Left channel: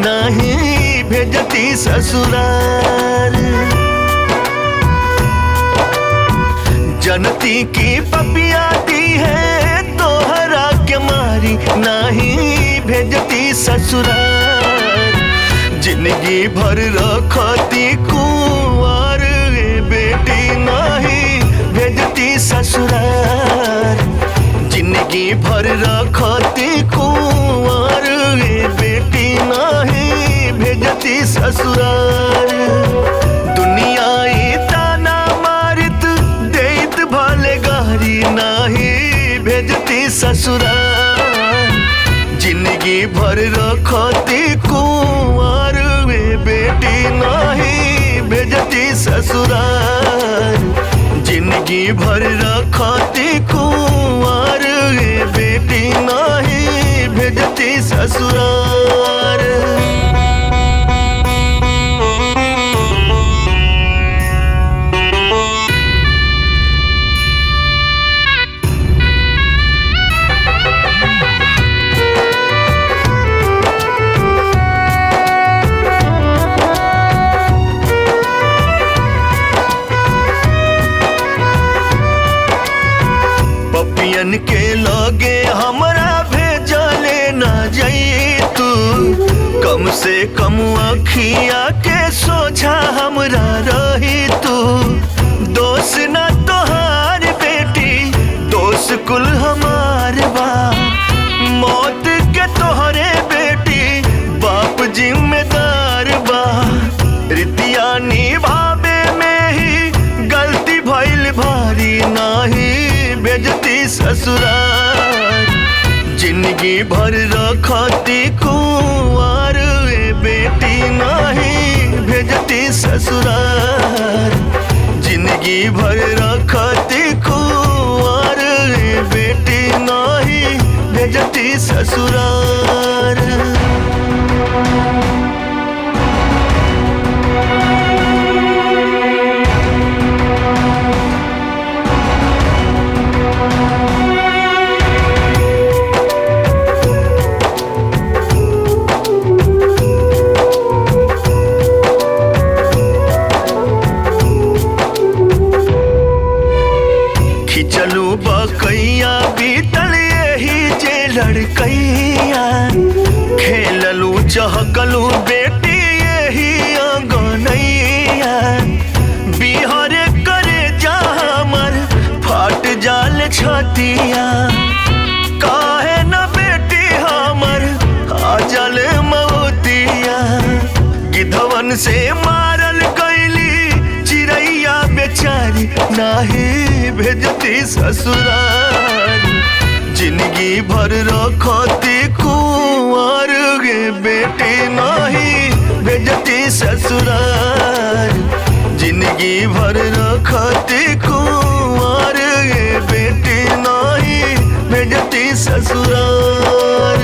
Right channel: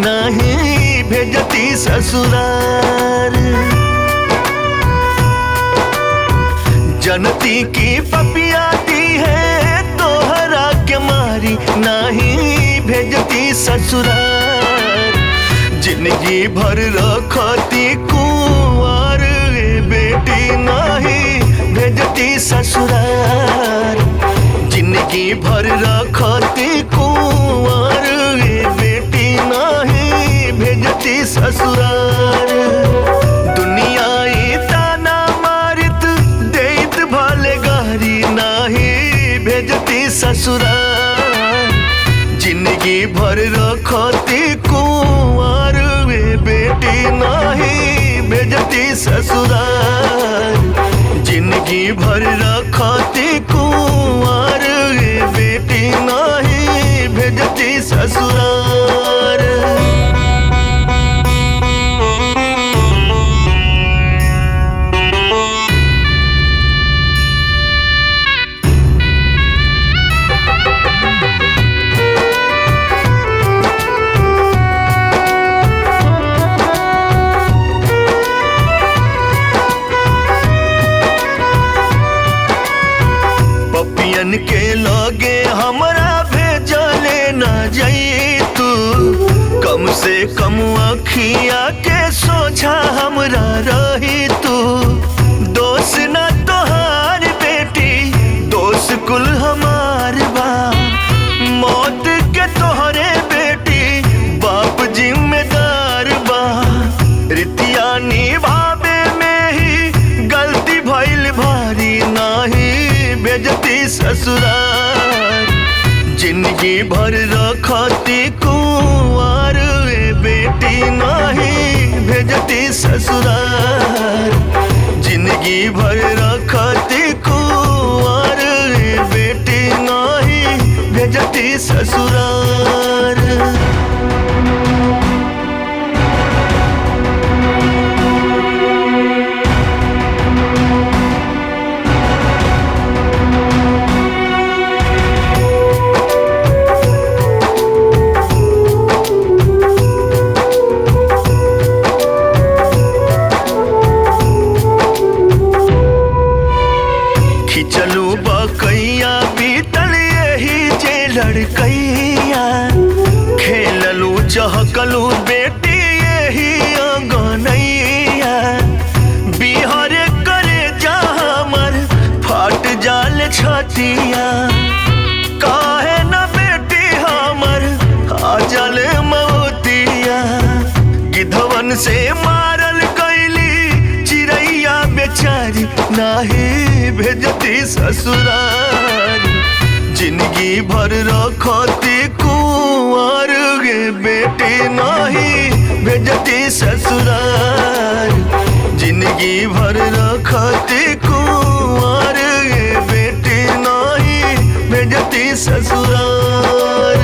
नहीं भेजती ससुरार। जनती की पपिया दी है तोहरा के मारी, नहीं भेजती ससुरार। जिंदगी भर रखती कुंवर बेटी, नहीं भेजती ससुरार। जिंदगी भर रखती कुंवर बेटी, नहीं भेजती ससुरार। दुनिया ताना मारित देत भले गारी, नहीं भेजती ससुरार। जिंदगी भर रखती कुंवर बेटी, नहीं भेजती ससुरार। जिंदगी भर रखती कुंवर बेटी, नहीं भेजती ससुरार। पपियन के लगे हमरा भेजले न जाई तू, कम से कम अखिया के सोझा हमरा रही तू। दोष न तोहार बेटी, दोष कुल हमार बा। मौत के तोहरे बेटी बाप जिम्मेदार बा। रितिया निभावे में ही गलती भइल भारी, नहीं भेजती ससुरार। जिंदगी भर रखती कुंवर बेटी, नहीं भेजती ससुरार। जिंदगी भर रखती कुंवर बेटी, नहीं भेजती ससुरार। खिचलू बकैया बीतल यही जे लड़कैया, खेललू चहकलू बेटी यही अंगनैया। बिहार करे जा हमर फाट जाल छतिया, काहे न बेटी हमर आ जल मौतिया। गिधवन से मारल गईली चिड़ैया बेचारी, नहीं भेजती ससुरार। जिंदगी भर रखती कुंवर बेटी, नहीं भेजती ससुरार। जिंदगी भर रखती कुंवर बेटी, नहीं भेजती ससुरार।